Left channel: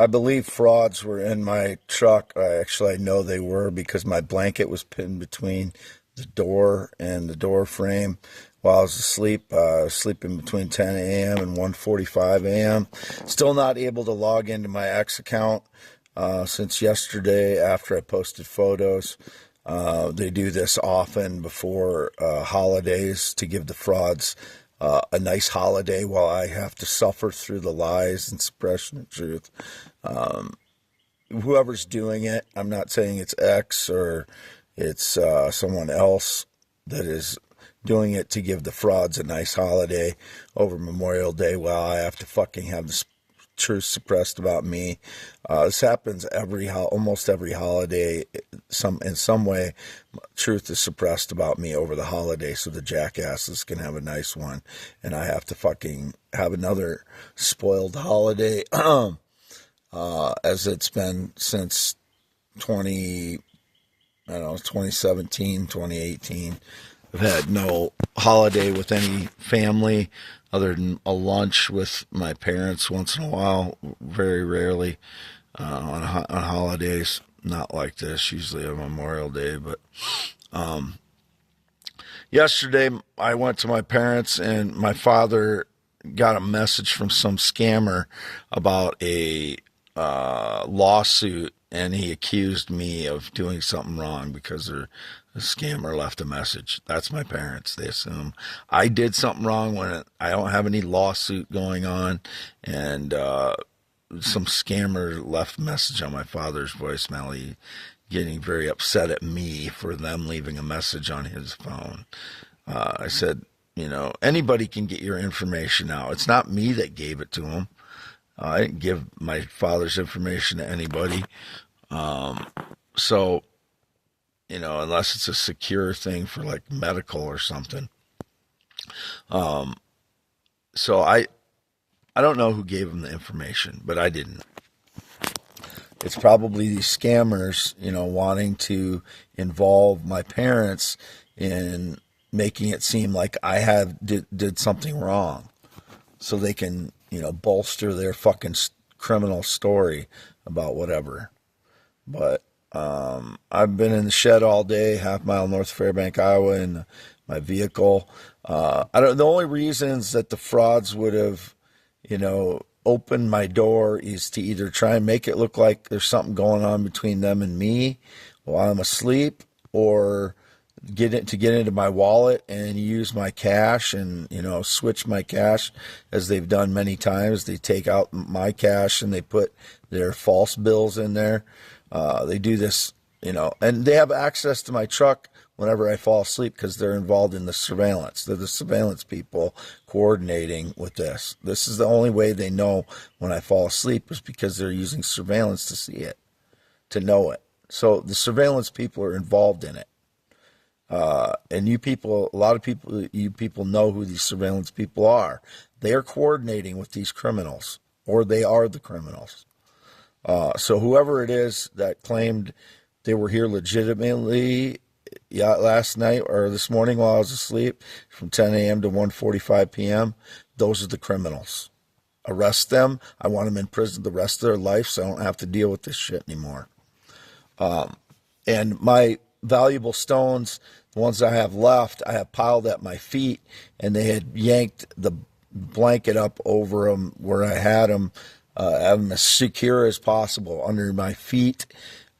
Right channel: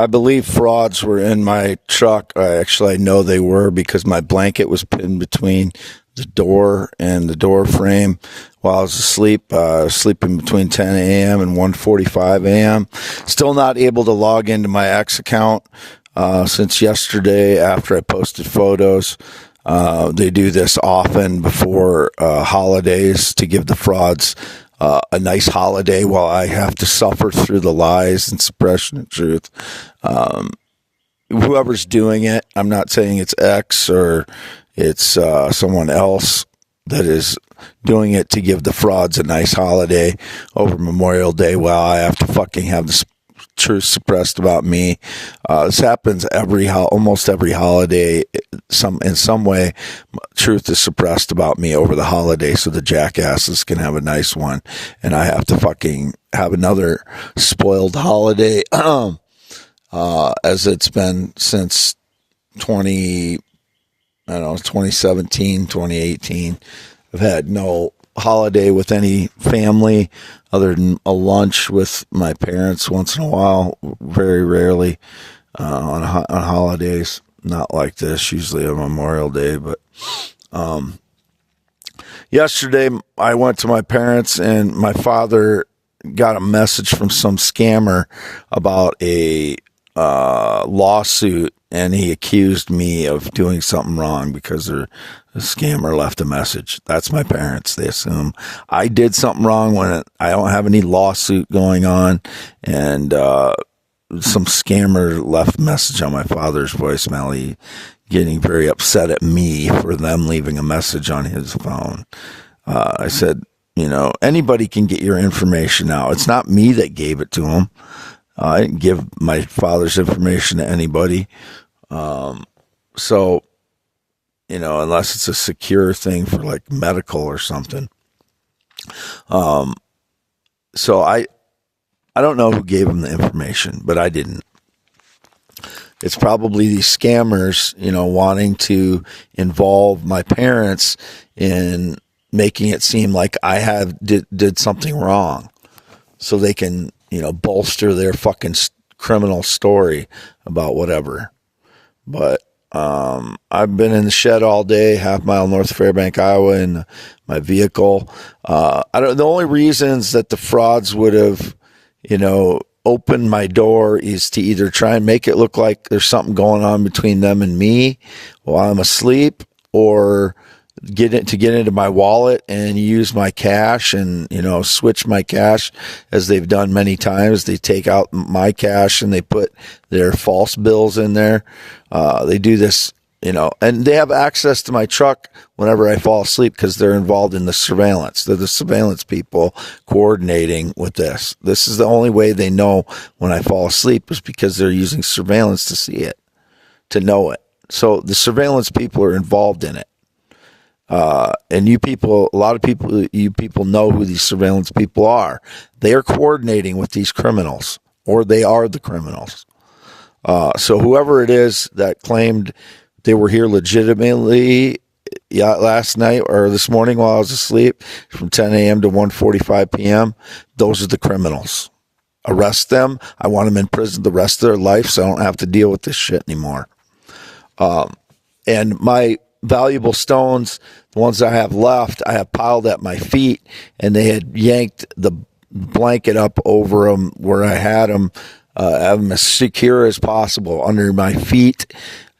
I believe frauds were in my truck. I know they were because my blanket was pinned between the door and the door frame while I was asleep. Sleeping between 10 a.m. and 1:45 a.m. Still not able to log into my X account since yesterday after I posted photos. They do this often before holidays to give the frauds a nice holiday while I have to suffer through the lies and suppression of truth. Whoever's doing it, I'm not saying it's X or it's someone else that is doing it to give the frauds a nice holiday over Memorial Day while I have to fucking have the truth suppressed about me. This happens almost every holiday. In some way, truth is suppressed about me over the holiday, so the jackasses can have a nice one, and I have to fucking have another spoiled holiday, as it's been since 2017, 2018. I've had no holiday with any family other than a lunch with my parents once in a while, very rarely on holidays. Not like this, usually a Memorial Day. But yesterday I went to my parents and my father got a message from some scammer about a lawsuit, and he accused me of doing something wrong because the scammer left a message. That's my parents. They assume I did something wrong when I don't have any lawsuit going on, and some scammer left a message on my father's voicemail. He getting very upset at me for them leaving a message on his phone. I said, anybody can get your information now. It's not me that gave it to him. I didn't give my father's information to anybody. So, unless it's a secure thing for like medical or something. So I don't know who gave him the information, but I didn't. It's probably these scammers, wanting to involve my parents in making it seem like I did something wrong, so they can, bolster their fucking criminal story about whatever. But I've been in the shed all day, half mile north of Fairbank, Iowa, in my vehicle. The only reasons that the frauds would have, opened my door is to either try and make it look like there's something going on between them and me while I'm asleep, or get into my wallet and use my cash and, switch my cash, as they've done many times. They take out my cash and they put their false bills in there. They do this, and they have access to my truck whenever I fall asleep because they're involved in the surveillance. They're the surveillance people coordinating with this. This is the only way they know when I fall asleep, is because they're using surveillance to see it, to know it. So the surveillance people are involved in it. And a lot of people know who these surveillance people are. They are coordinating with these criminals, or they are the criminals. So whoever it is that claimed they were here legitimately last night or this morning while I was asleep from 10 a.m. to 1:45 p.m., those are the criminals. Arrest them. I want them in prison the rest of their life so I don't have to deal with this shit anymore. And my valuable stones, the ones I have left, I have piled at my feet, and they had yanked the blanket up over them where I had them, have them as secure as possible under my feet,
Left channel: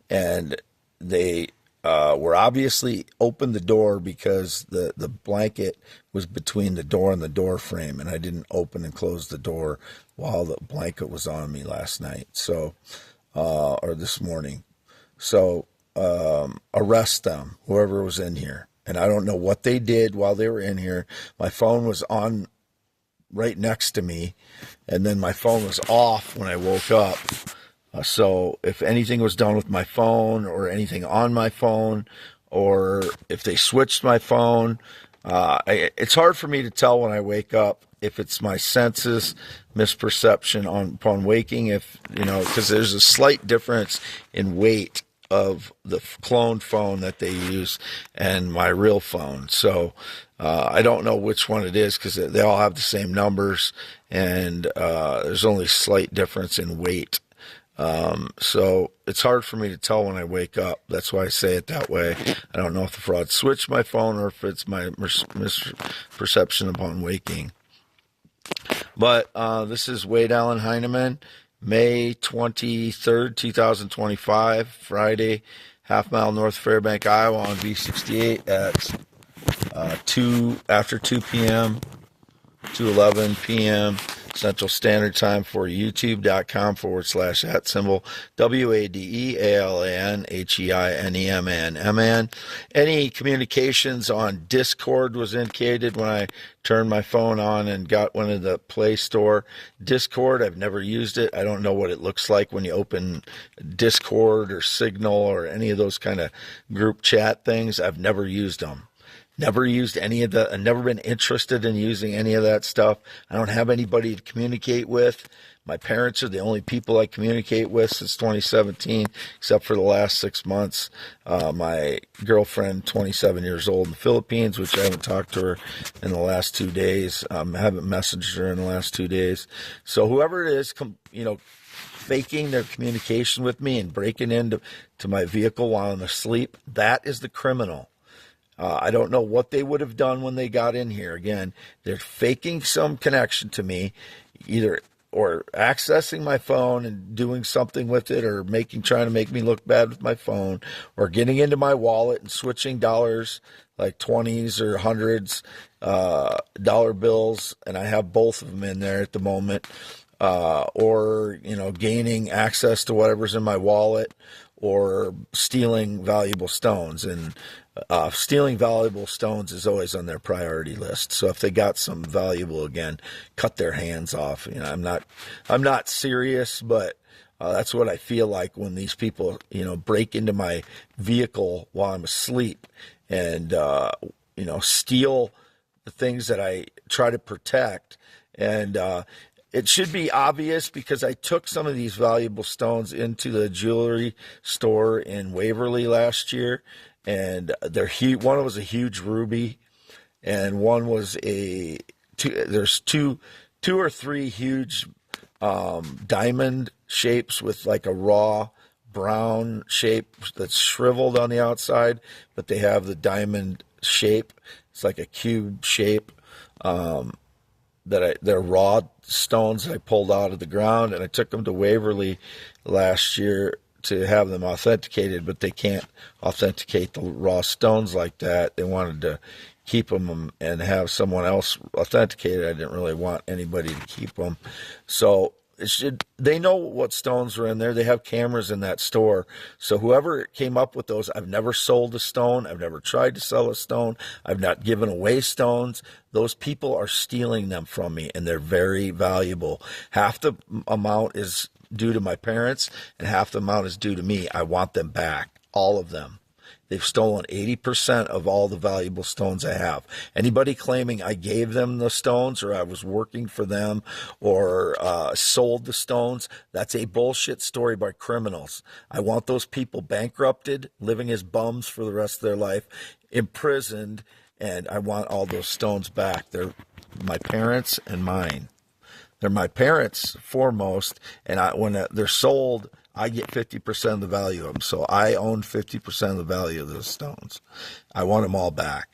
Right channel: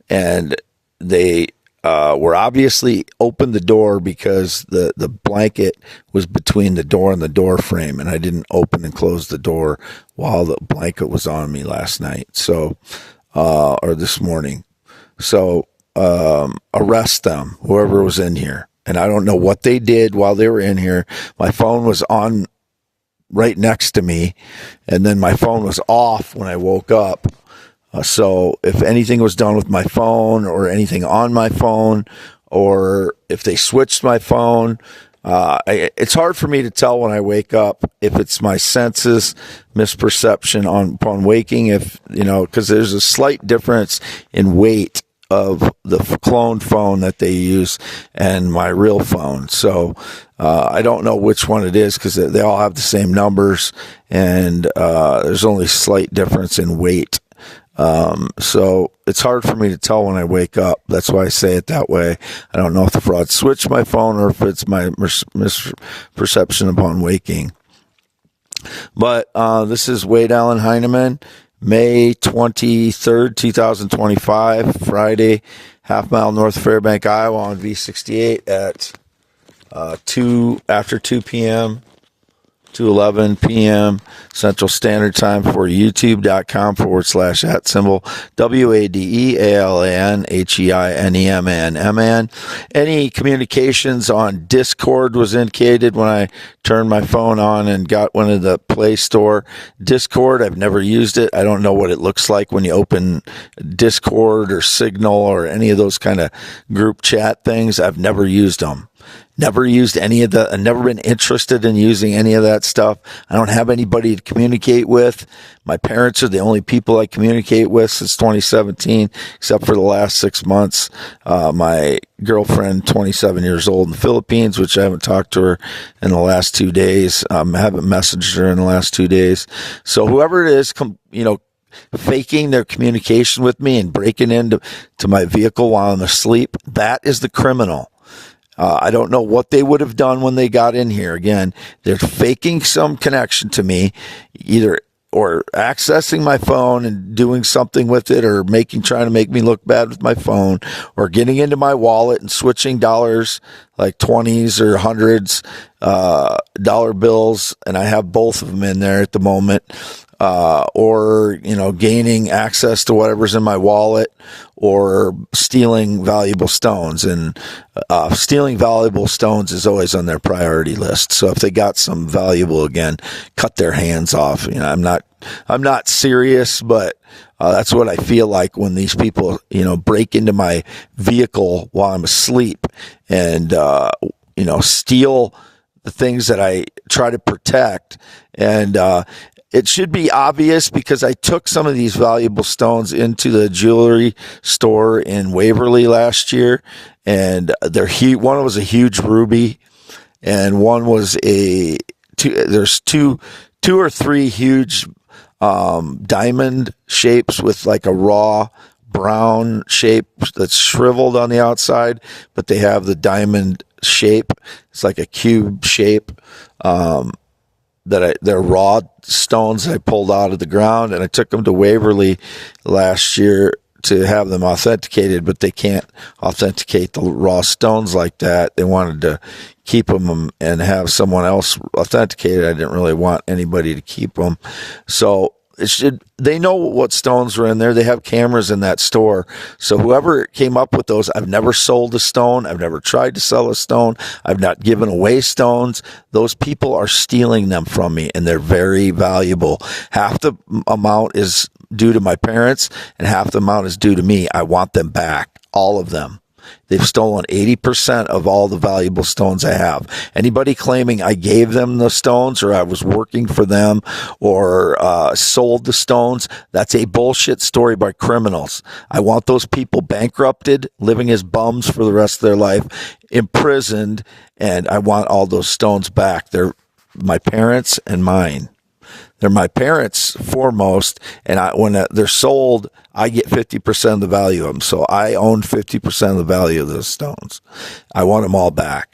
and they were obviously opened the door because the blanket was between the door and the door frame, and I didn't open and close the door while the blanket was on me last night, or this morning. So arrest them, whoever was in here. And I don't know what they did while they were in here. My phone was on right next to me, and then my phone was off when I woke up. So if anything was done with my phone, or anything on my phone, or if they switched my phone, it's hard for me to tell when I wake up if it's my senses misperception upon waking, because there's a slight difference in weight of the cloned phone that they use and my real phone. So I don't know which one it is, because they all have the same numbers, and there's only slight difference in weight So it's hard for me to tell when I wake up. That's why I say it that way. I don't know if the fraud switched my phone or if it's my misperception upon waking. But this is Wade Allen Heineman, May 23rd, 2025, Friday, half mile north of Fairbank, Iowa on V68 at after 2 p.m. to 11 p.m. Central Standard Time for youtube.com/@ WADEALANHEINEMAN. Any communications on Discord was indicated when I turned my phone on and got one of the Play Store. Discord, I've never used it. I don't know what it looks like when you open Discord or Signal or any of those kind of group chat things. I've never used them. Never used any of the, I've never been interested in using any of that stuff. I don't have anybody to communicate with. My parents are the only people I communicate with since 2017, except for the last 6 months. My girlfriend, 27 years old in the Philippines, which I haven't talked to her in the last 2 days. I haven't messaged her in the last 2 days. So whoever it is, faking their communication with me and breaking into my vehicle while I'm asleep, that is the criminal. I don't know what they would have done when they got in here. Again, they're faking some connection to me, either or accessing my phone and doing something with it, or trying to make me look bad with my phone, or getting into my wallet and switching dollars, like 20s or hundreds, dollar bills, and I have both of them in there at the moment. Or gaining access to whatever's in my wallet, or stealing valuable stones. And stealing valuable stones is always on their priority list. So if they got some valuable, again, cut their hands off. I'm not serious, but that's what I feel like when these people, break into my vehicle while I'm asleep and, steal the things that I try to protect. And, it should be obvious because I took some of these valuable stones into the jewelry store in Waverly last year, and one was a huge ruby, and one was there's two or three huge diamond shapes with like a raw brown shape that's shriveled on the outside, but they have the diamond shape. It's like a cube shape. They're raw stones I pulled out of the ground, and I took them to Waverly last year to have them authenticated, but they can't authenticate the raw stones like that. They wanted to keep them and have someone else authenticate it. I didn't really want anybody to keep them. So they know what stones were in there. They have cameras in that store. So whoever came up with those, I've never sold a stone. I've never tried to sell a stone. I've not given away stones. Those people are stealing them from me, and they're very valuable. Half the amount is due to my parents, and half the amount is due to me. I want them back, all of them. They've stolen 80% of all the valuable stones I have. Anybody claiming I gave them the stones or I was working for them or sold the stones, that's a bullshit story by criminals. I want those people bankrupted, living as bums for the rest of their life, imprisoned, and I want all those stones back. They're my parents and mine. They're my parents foremost, and when they're sold, I get 50% of the value of them. So I own 50% of the value of those stones. I want them all back.